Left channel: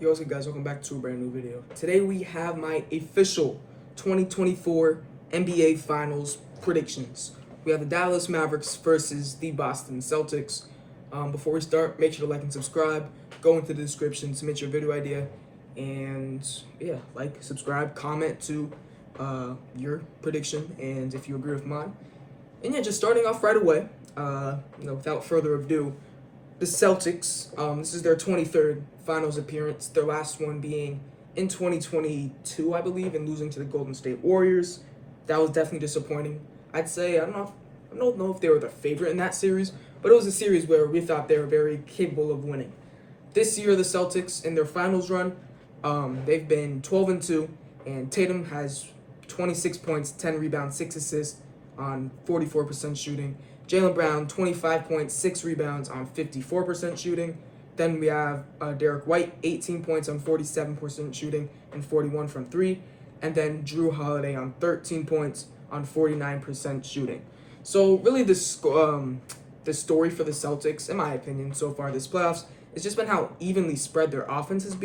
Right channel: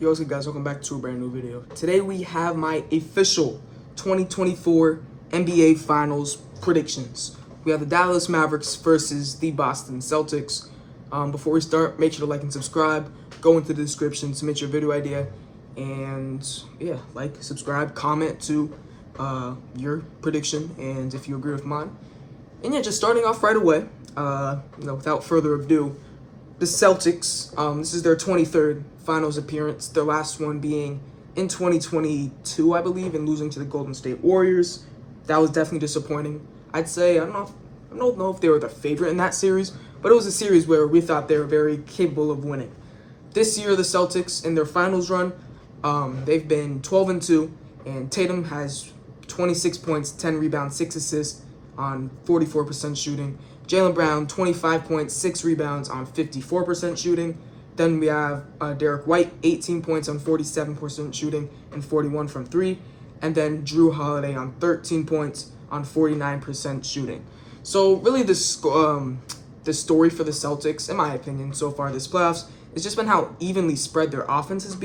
Yo, what's up guys, welcome back to a brand new video. Today we have my official 2024 NBA Finals predictions. We have the Dallas Mavericks versus the Boston Celtics. Before we start, make sure to like and subscribe. Go into the description, submit your video idea, and yeah, like, subscribe, comment to your prediction, and if you agree with mine. And yeah, just starting off right away, without further ado, the Celtics, this is their 23rd finals appearance, their last one being in 2022, I believe, and losing to the Golden State Warriors. That was definitely disappointing. I'd say, I don't know if they were the favorite in that series, but it was a series where we thought they were very capable of winning. This year, the Celtics, in their finals run, they've been 12-2, and Tatum has 26 points, 10 rebounds, 6 assists on 44% shooting. Jaylen Brown, 25 points, 6 rebounds on 54% shooting. Then we have Derek White, 18 points on 47% shooting and 41 from 3. And then Jrue Holiday on 13 points on 49% shooting. So really the story for the Celtics, in my opinion, so far this playoffs, has just been how evenly spread their offense has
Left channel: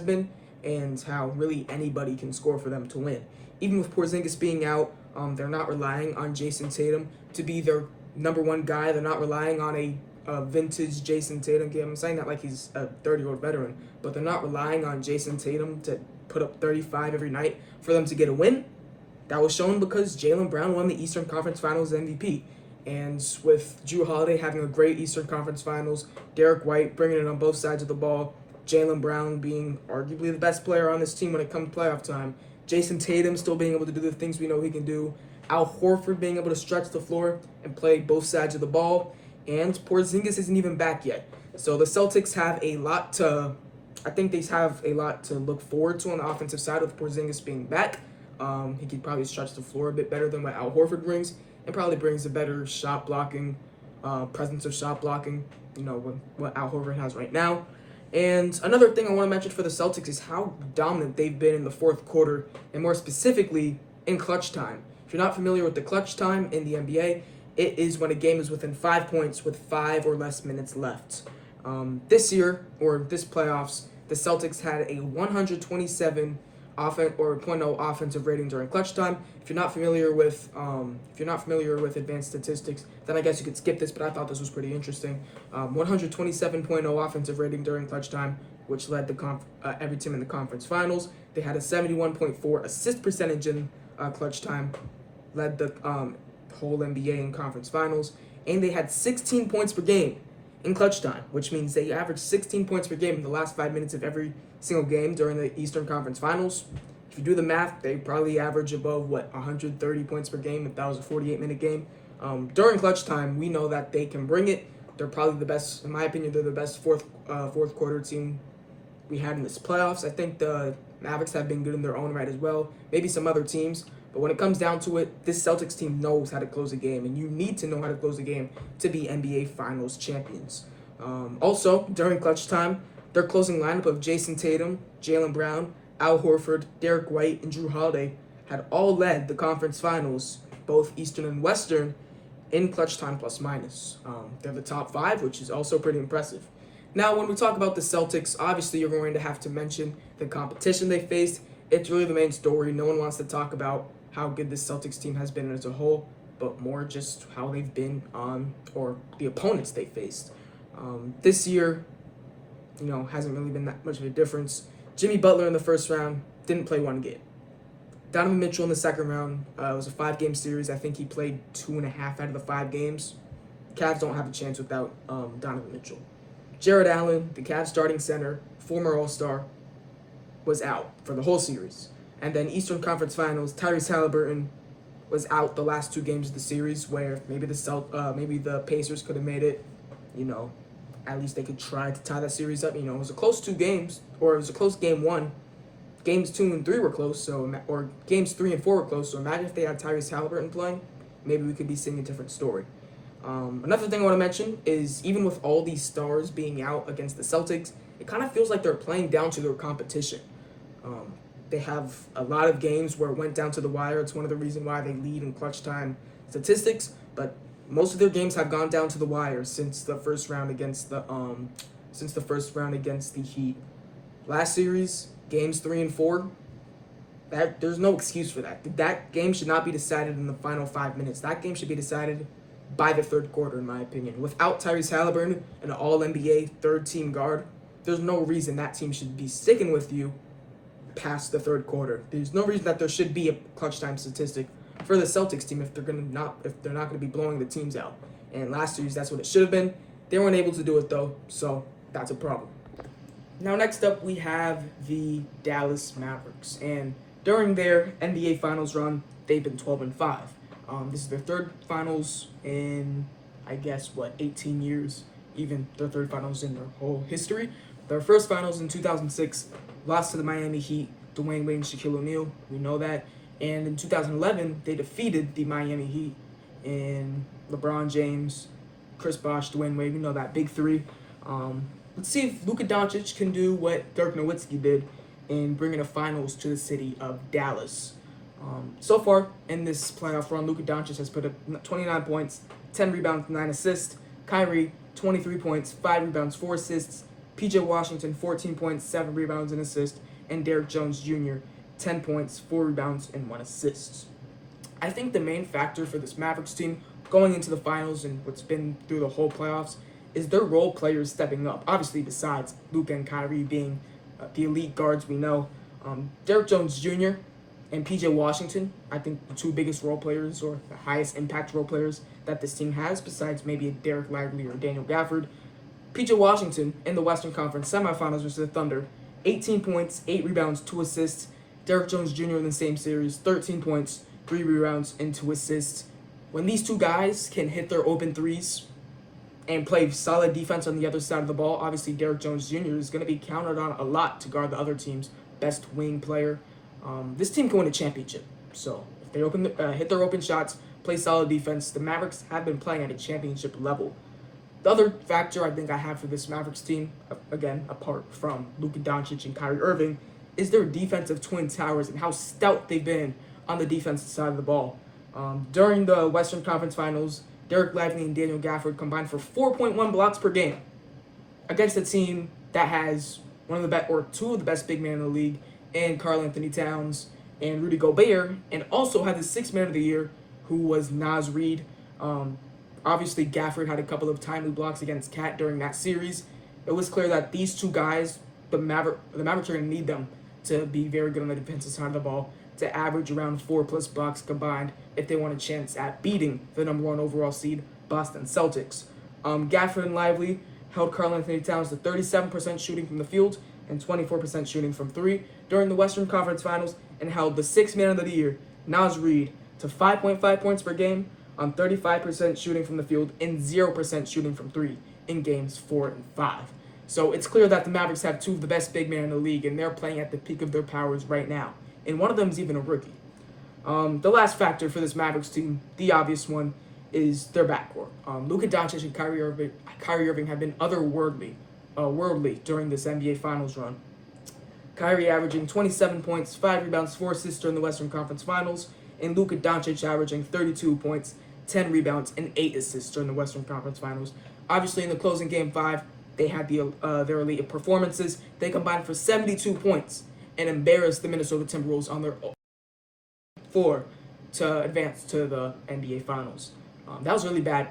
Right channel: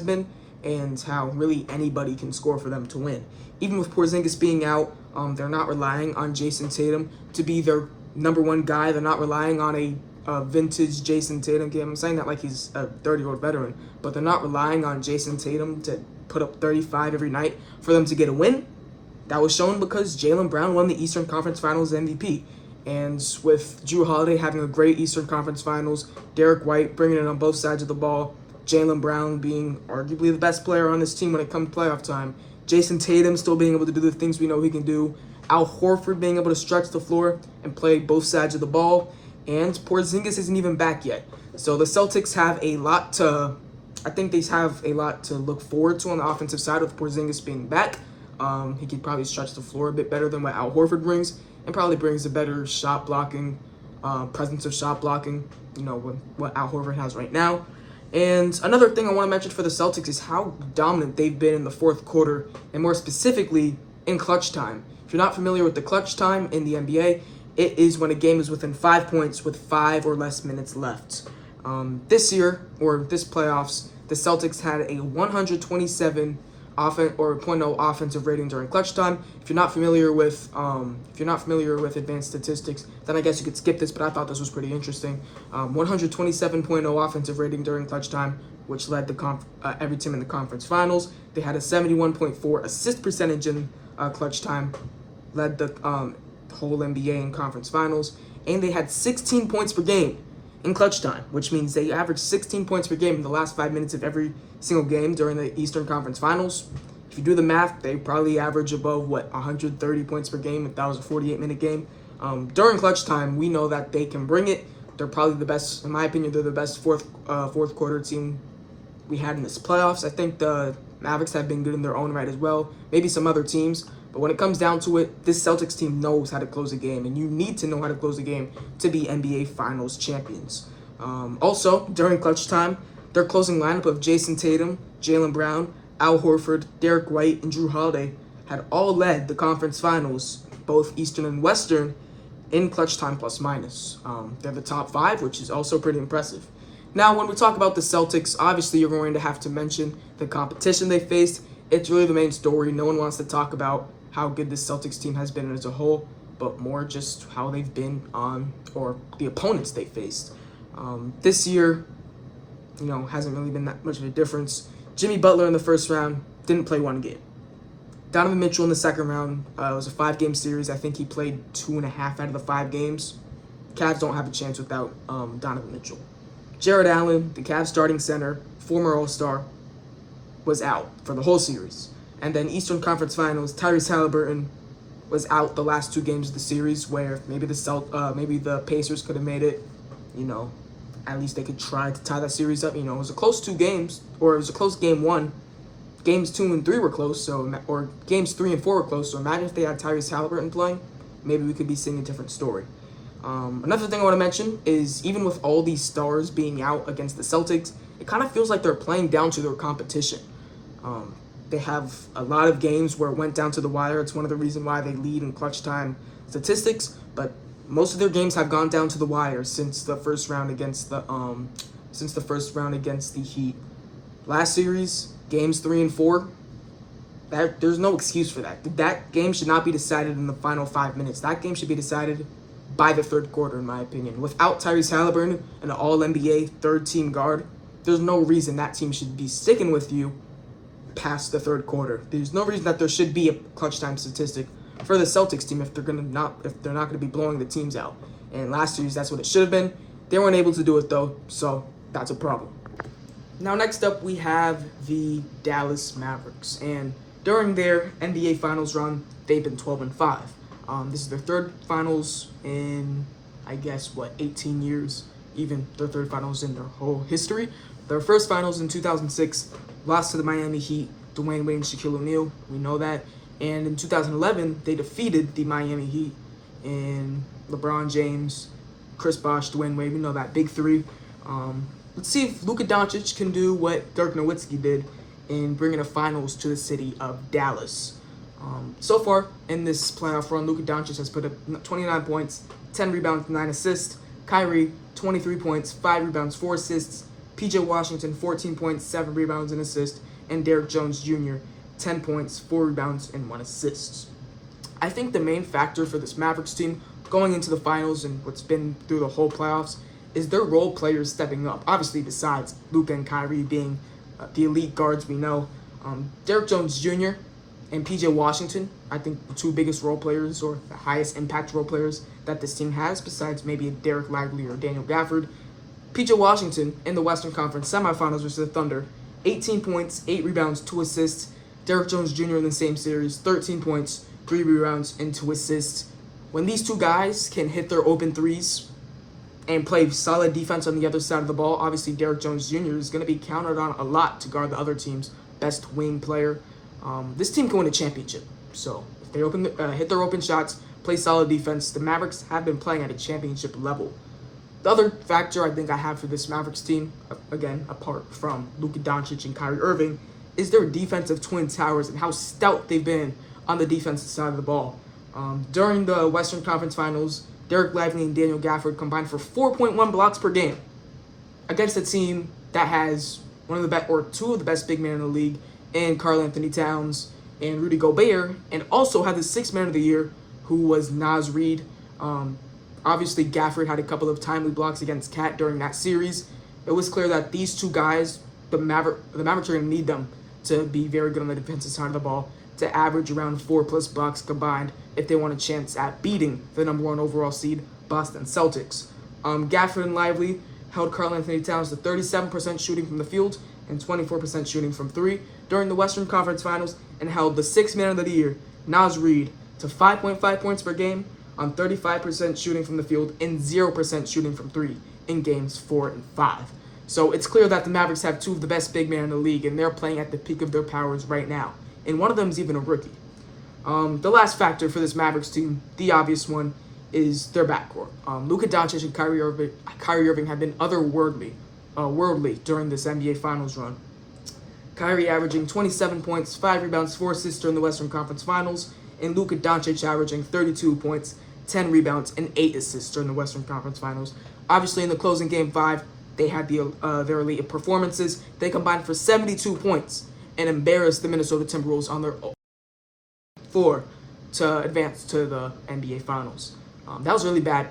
been, and how really anybody can score for them to win. Even with Porzingis being out, they're not relying on Jason Tatum to be their number one guy. They're not relying on a vintage Jason Tatum game. I'm saying that like he's a 30-year-old veteran, but they're not relying on Jason Tatum to put up 35 every night for them to get a win. That was shown because Jaylen Brown won the Eastern Conference Finals MVP. And with Jrue Holiday having a great Eastern Conference Finals, Derek White bringing it on both sides of the ball, Jaylen Brown being arguably the best player on this team when it comes to playoff time, Jason Tatum still being able to do the things we know he can do, Al Horford being able to stretch the floor and play both sides of the ball, and Porzingis isn't even back yet. So the Celtics have I think they have a lot to look forward to on the offensive side with Porzingis being back. He could probably stretch the floor a bit better than what Al Horford brings, and probably brings a better shot blocking, presence of shot blocking, what Al Horford has right now. And another thing I want to mention for the Celtics is how dominant they've been in the fourth quarter, and more specifically in clutch time. If you're not familiar with the clutch time in the NBA, it is when a game is within 5 points with 5 or less minutes left. This year, or this playoffs, the Celtics had a 127 .0 offensive rating during clutch time. If you're not familiar with advanced statistics, then I guess you could skip this, but I thought this was pretty interesting. 127.0 offensive rating during clutch time, which led every team in the conference finals. They had a 71.4 assist percentage in clutch time, led the whole NBA in conference finals, and they had 16 points per game in clutch time, which means they averaged 16 points per game in the last 5 minutes of every single game during the Eastern Conference Finals. If you do the math, they probably average above 130 points per game if that was a 48-minute game. During clutch time, we know that they can bring it. They're probably the best, in my opinion. They're the best fourth quarter team we had in this playoffs. I think the Mavericks have been good in their own right as well. Maybe some other teams. But when it comes down to it, this Celtics team knows how to close a game, and you need to know how to close a game to be NBA Finals champions. Also, during clutch time, their closing lineup of Jason Tatum, Jaylen Brown, Al Horford, Derek White, and Jrue Holiday had all led the conference finals, both Eastern and Western, in clutch time plus minus. They're the top 5, which is also pretty impressive. Now, when we talk about the Celtics, obviously you're going to have to mention the competition they faced. It's really the main story. No one wants to talk about how good this Celtics team has been as a whole, but more just how they've been on, or the opponents they faced. This year, hasn't really been that much of a difference. Jimmy Butler in the first round didn't play 1 game. Donovan Mitchell in the second round, it was a 5-game series. I think he played 2.5 out of the 5 games. Cavs don't have a chance without Donovan Mitchell. Jared Allen, the Cavs starting center, former All-Star, was out for the whole series. And then Eastern Conference Finals, Tyrese Halliburton was out the last 2 games of the series, where maybe the Pacers could have made it. At least they could try to tie that series up. It was a close 2 games, or it was a close game 1. Games 2 and 3 were close, or games 3 and 4 were close. So imagine if they had Tyrese Halliburton playing, maybe we could be seeing a different story. Another thing I want to mention is, even with all these stars being out against the Celtics, it kind of feels like they're playing down to their competition. They have a lot of games where it went down to the wire. It's one of the reasons why they lead in clutch time statistics, but most of their games have gone down to the wire since the first round against the Heat. Last series, games 3 and 4, there's no excuse for that. That game should not be decided in the final 5 minutes. That game should be decided by the third quarter, in my opinion. Without Tyrese Halliburton, an All-NBA third-team guard, there's no reason that team should be sticking with you past the third quarter. There's no reason that there should be a clutch time statistic for the Celtics team if they're not going to be blowing the teams out. And last series, that's what it should have been. They weren't able to do it though, so that's a problem. Now, next up, we have the Dallas Mavericks, and during their NBA Finals run, they've been 12-5. This is their third Finals in, 18 years, even their third Finals in their whole history. Their first Finals in 2006, lost to the Miami Heat, Dwayne Wade and Shaquille O'Neal, we know that. And in 2011, they defeated the Miami Heat in LeBron James, Chris Bosh, Dwayne Wade, we know that, big three. Let's see if Luka Doncic can do what Dirk Nowitzki did in bringing the finals to the city of Dallas. So far in this playoff run, Luka Doncic has put up 29 points, 10 rebounds, 9 assists. Kyrie, 23 points, 5 rebounds, 4 assists. PJ Washington, 14 points, 7 rebounds, and assist. And Derrick Jones Jr., 10 points, 4 rebounds, and 1 assist. I think the main factor for this Mavericks team going into the finals and what's been through the whole playoffs is their role players stepping up. Obviously, besides Luka and Kyrie being the elite guards we know, Derrick Jones Jr. and PJ Washington, I think the two biggest role players or the highest impact role players that this team has, besides maybe a Derek Lively or Daniel Gafford. PJ Washington in the Western Conference semifinals versus the Thunder, 18 points, 8 rebounds, 2 assists. Derrick Jones Jr. in the same series, 13 points, 3 rebounds, and 2 assists. When these two guys can hit their open threes and play solid defense on the other side of the ball, obviously Derrick Jones Jr. is going to be counted on a lot to guard the other team's best wing player. This team can win a championship. So if they hit their open shots, play solid defense, the Mavericks have been playing at a championship level. The other factor I think I have for this Mavericks team, again, apart from Luka Doncic and Kyrie Irving, is their defensive twin towers and how stout they've been on the defensive side of the ball. During the Western Conference Finals, Derek Lively and Daniel Gafford combined for 4.1 blocks per game against a team that has one of the best, or two of the best big men in the league, in Karl-Anthony Towns and Rudy Gobert, and also had the sixth man of the year, who was Naz Reid. Obviously, Gafford had a couple of timely blocks against Cat during that series. It was clear that these two guys, the Mavericks are going to need them to be very good on the defensive side of the ball, to average around 4+ blocks combined if they want a chance at beating the number 1 overall seed Boston Celtics. Gafford and Lively held Karl-Anthony Towns to 37% shooting from the field and 24% shooting from 3 during the Western Conference Finals, and held the sixth man of the year, Naz Reid, to 5.5 points per game on 35% shooting from the field and 0% shooting from 3 in games 4 and 5. So it's clear that the Mavericks have two of the best big men in the league, and they're playing at the peak of their powers right now. And one of them is even a rookie. The last factor for this Mavericks team, the obvious one, is their backcourt. Luka Doncic and Kyrie Irving have been worldly during this NBA Finals run. Kyrie averaging 27 points, 5 rebounds, 4 assists during the Western Conference Finals, and Luka Doncic averaging 32 points, 10 rebounds, and 8 assists during the Western Conference Finals. Obviously, in the closing Game 5, they had their elite performances. They combined for 72 points and embarrassed the Minnesota Timberwolves on their floor to advance to the NBA Finals. That was a really bad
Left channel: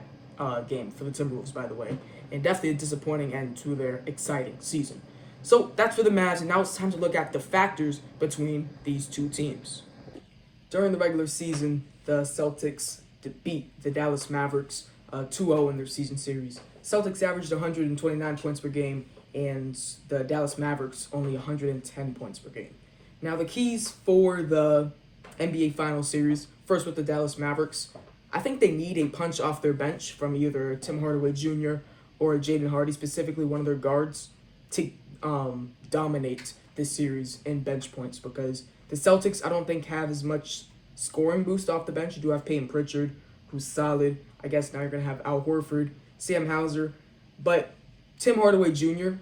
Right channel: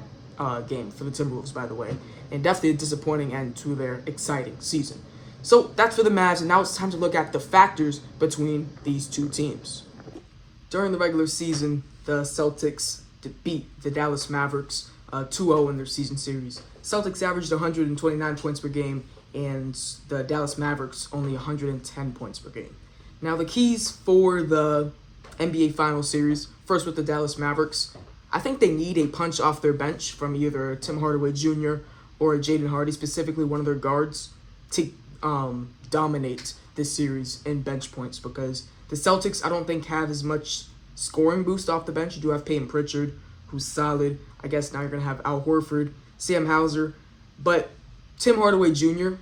game for the Timberwolves, by the way, and definitely a disappointing end to their exciting season. So that's for the Mavs, and now it's time to look at the factors between these two teams. During the regular season, the Celtics beat the Dallas Mavericks 2-0 in their season series. Celtics averaged 129 points per game, and the Dallas Mavericks only 110 points per game. Now, the keys for the NBA Finals series, first with the Dallas Mavericks, I think they need a punch off their bench from either Tim Hardaway Jr. or Jaden Hardy, specifically one of their guards, to dominate this series in bench points, because the Celtics, I don't think, have as much scoring boost off the bench. You do have Peyton Pritchard, who's solid. I guess now you're going to have Al Horford, Sam Hauser, but Tim Hardaway Jr.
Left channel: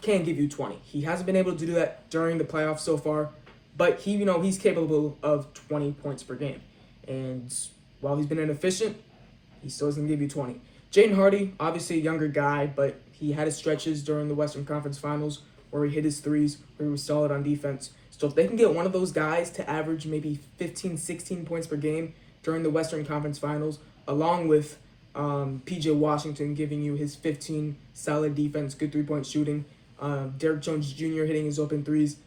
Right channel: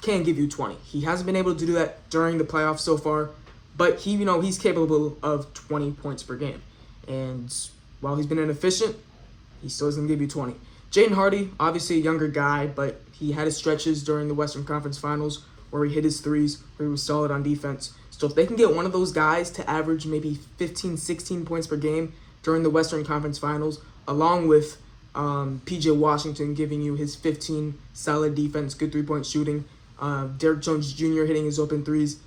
can give you 20. He hasn't been able to do that during the playoffs so far, but he's capable of 20 points per game. And while he's been inefficient, he still is going to give you 20. Jaden Hardy, obviously a younger guy, but he had his stretches during the Western Conference Finals where he hit his threes, where he was solid on defense. So if they can get one of those guys to average maybe 15, 16 points per game during the Western Conference Finals, along with P.J. Washington giving you his 15 solid defense, good three-point shooting, Derrick Jones Jr. hitting his open threes,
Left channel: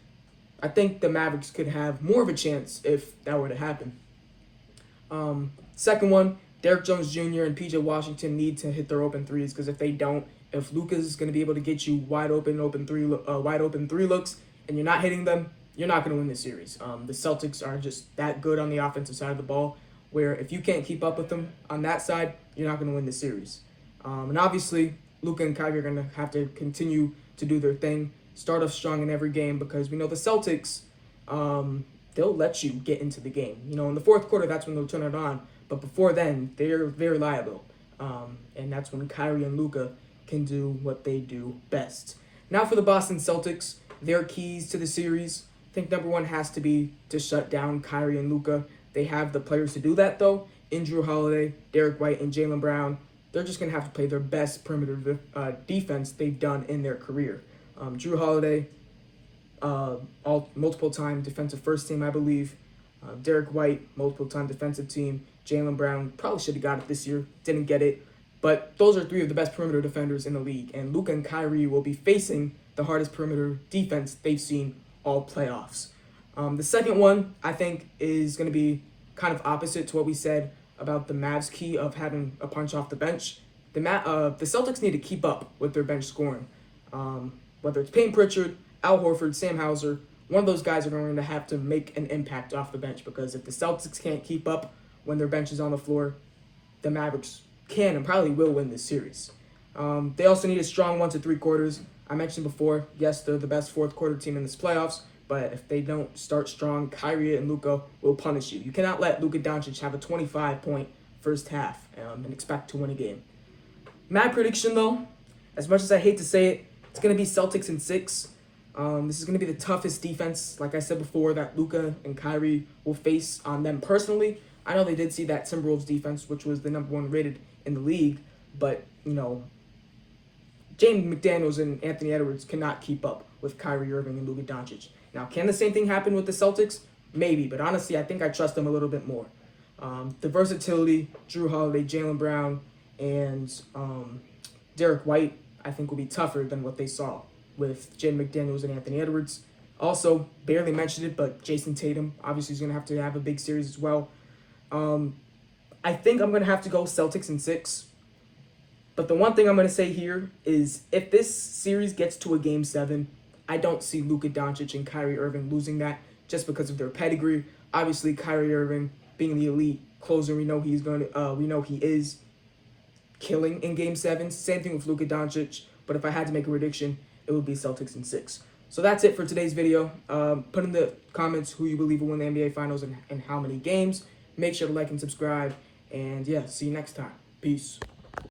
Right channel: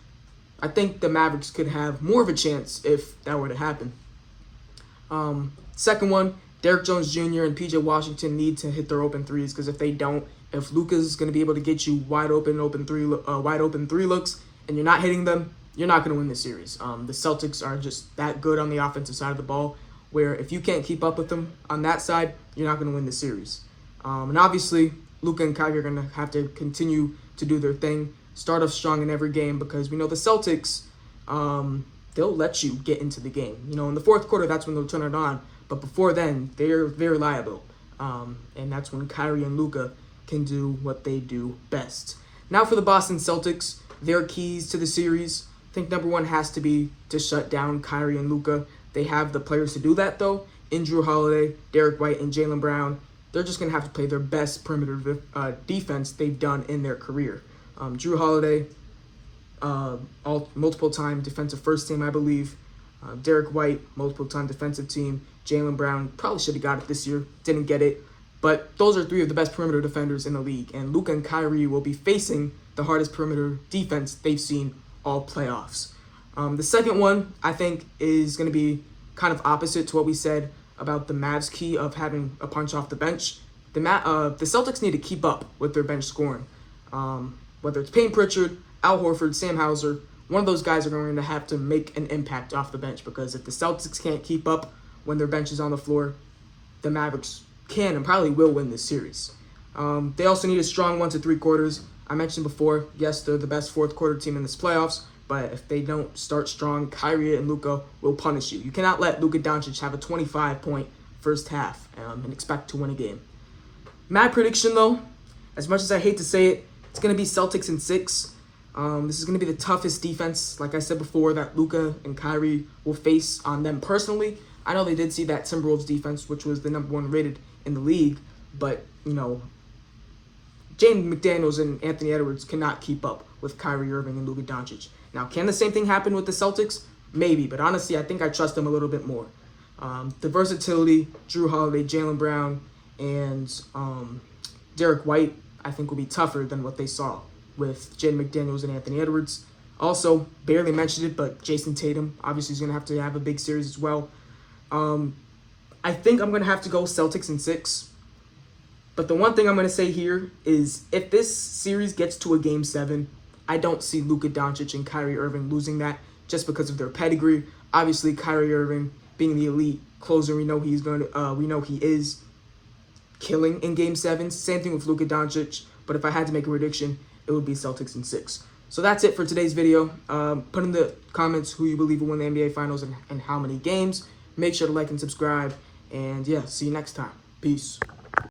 I think the Mavericks could have more of a chance if that were to happen. Second one, Derrick Jones Jr. and P.J. Washington need to hit their open threes, because if they don't, if Luka's going to be able to get you wide open three looks, and you're not hitting them, you're not going to win this series. The Celtics are just that good on the offensive side of the ball, where if you can't keep up with them on that side, you're not going to win the series. And obviously, Luka and Kyrie are going to have to continue to do their thing, start off strong in every game, because we know the Celtics, they'll let you get into the game. You know, in the fourth quarter, that's when they'll turn it on. But before then, they're very reliable. And that's when Kyrie and Luka can do what they do best. Now for the Boston Celtics, their keys to the series, I think number one has to be to shut down Kyrie and Luka. They have the players to do that, though. In Jrue Holiday, Derrick White, and Jaylen Brown, they're just going to have to play their best perimeter defense they've done in their career. Jrue Holiday, multiple-time defensive first team, I believe. Derrick White, multiple-time defensive team. Jaylen Brown probably should have got it this year, didn't get it. But those are three of the best perimeter defenders in the league. And Luka and Kyrie will be facing the hardest perimeter defense they've seen all playoffs. The second one, I think, is going to be kind of opposite to what we said about the Mavs' key of having a punch off the bench. The Celtics need to keep up with their bench scoring. Whether it's Payne Pritchard, Al Horford, Sam Hauser, one of those guys are going to have to make an impact off the bench, because if the Celtics can't keep up when their bench is on the floor, the Mavericks can and probably will win this series. They also need a strong 1 to 3 quarters. I mentioned before, yes, they're the best fourth quarter team in this playoffs, but if they don't start strong, Kyrie and Luka will punish you. You cannot let Luka Doncic have a 25-point first half and expect to win a game. My prediction, though, as much as I hate to say it, it's going to be Celtics in 6. This is going to be the toughest defense, like I said before, that Luka and Kyrie will face on them personally. I know they did see that Timberwolves defense, which was the number 1 rated in the league, but, you know, James McDaniels and Anthony Edwards cannot keep up with Kyrie Irving and Luka Doncic. Now, can the same thing happen with the Celtics? Maybe, but honestly, I think I trust them a little bit more. The versatility, Jrue Holiday, Jaylen Brown, and Derrick White, I think will be tougher than what they saw with Jaden McDaniels and Anthony Edwards. Also, barely mentioned it, but Jason Tatum obviously is going to have a big series as well. I think I'm going to have to go Celtics in 6. But the one thing I'm going to say here is if this series gets to a Game 7, I don't see Luka Doncic and Kyrie Irving losing that just because of their pedigree. Obviously, Kyrie Irving being the elite closer, we know he is killing in Game 7. Same thing with Luka Doncic. But if I had to make a prediction, it would be Celtics in 6. So that's it for today's video. Put in the comments who you believe will win the NBA Finals and how many games. Make sure to like and subscribe. And yeah, see you next time. Peace.